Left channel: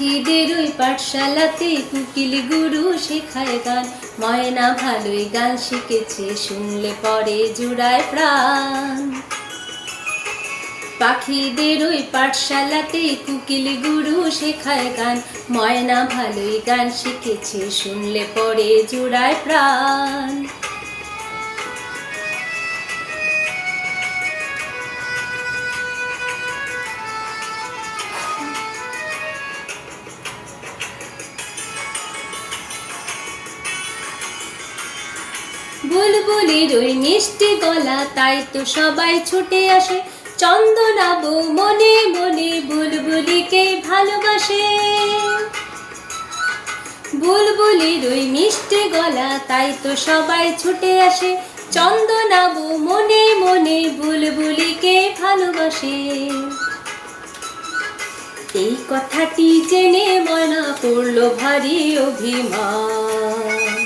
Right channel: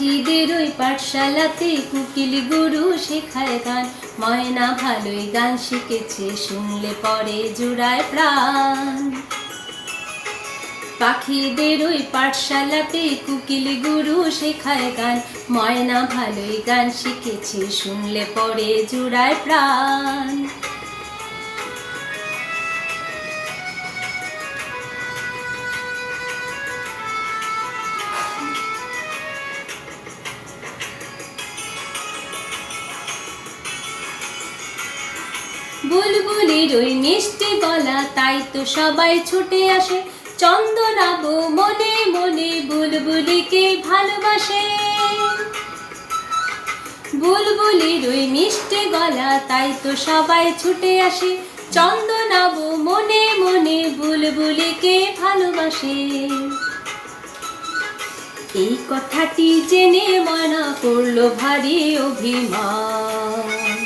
পাখিদের ওই পাঠশালাতে কোকিল গুরু শেখায় গান। ময়না ভালোই গান শিখেছে, শুনলে পরে জুড়ায় প্রাণ। পাখিদের ওই পাঠশালাতে কোকিল গুরু শেখায় গান। ময়না ভালোই গান শিখেছে, শুনলে পরে জুড়ায় প্রাণ। বুলবুলির ওই মিষ্টি গলা, তাই তো সবাই ছুটে আসে। চন্দনাবু মনে মনে বুলবুলিকে ভালোবাসে। বুলবুলির ওই মিষ্টি গলা, তাই তো সবাই ছুটে আসে। চন্দনাবু মনে মনে বুলবুলিকে ভালোবাসে। এই কথাটি জেনে ময়না করলো ভারী অভিমান।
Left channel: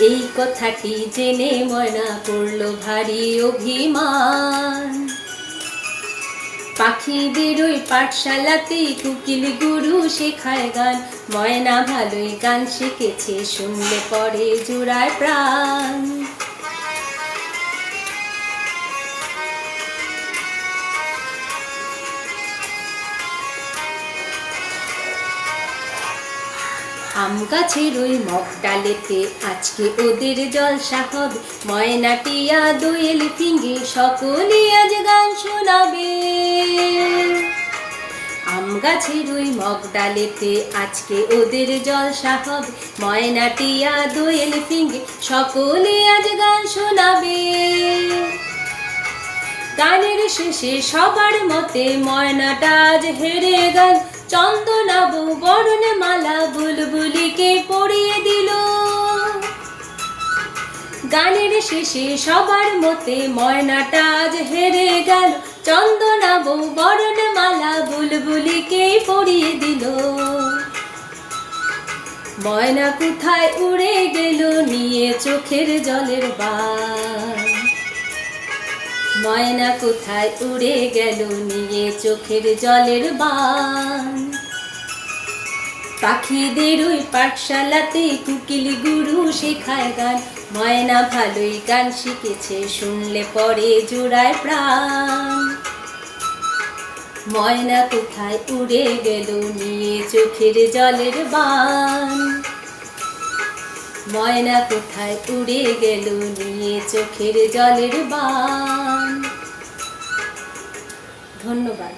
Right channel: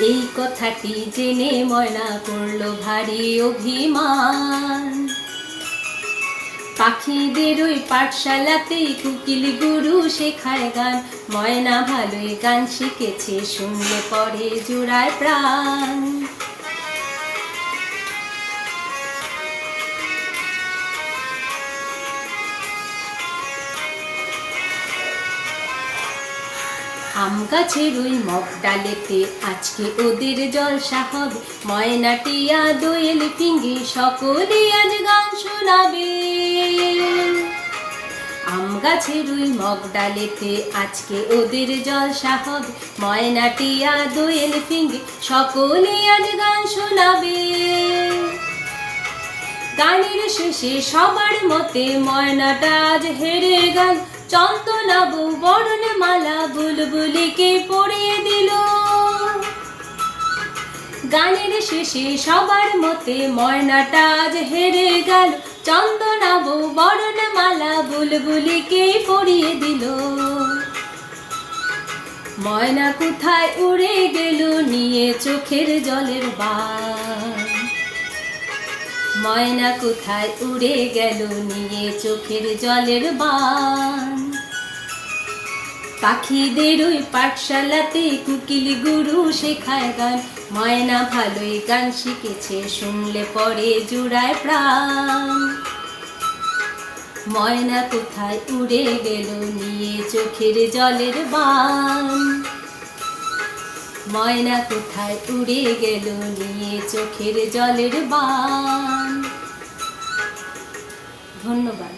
এই কথাটি জেনে ময়না করলো ভারী অভিমান। পাখিদের ওই পাঠশালাতে কোকিল গুরু শেখায় গান। ময়না ভালোই গান শিখেছে, শুনলে পরে জুড়ায় প্রাণ। আম গাছের ওই মগ ডালেতে আজকে ওদের জলসা হবে। ময়না টিয়া দোয়েল ফিঙে সকলে আজ গান শোনাবে। আম গাছের ওই মগ ডালেতে আজকে ওদের জলসা হবে। ময়না টিয়া দোয়েল ফিঙে সকলে আজ গান শোনাবে। গানের শেষে সবার মতে ময়নাটা আজ হেরে গেল। চন্দনাবু বরণমালা বুলবুলিকে পরিয়ে দিল। গানের শেষে সবার মতে ময়নাটা আজ হেরে গেল। চন্দনাবু বরণমালা বুলবুলিকে পরিয়ে দিল। ময়না কোথায় উড়ে গেল নিয়ে চোখের জলের বান। ময়না কোথায় উড়ে গেল নিয়ে চোখের জলের বান। পাখিদের ওই পাঠশালাতে কোকিল গুরু শেখায় গান। ময়না ভালোই গান শিখেছে, শুনলে পরে জুড়ায় প্রাণ। ময়না কোথায় উড়ে গেল নিয়ে চোখের জলের বান। ময়না কোথায় উড়ে গেল নিয়ে চোখের জলের বান। ধন্যবাদ।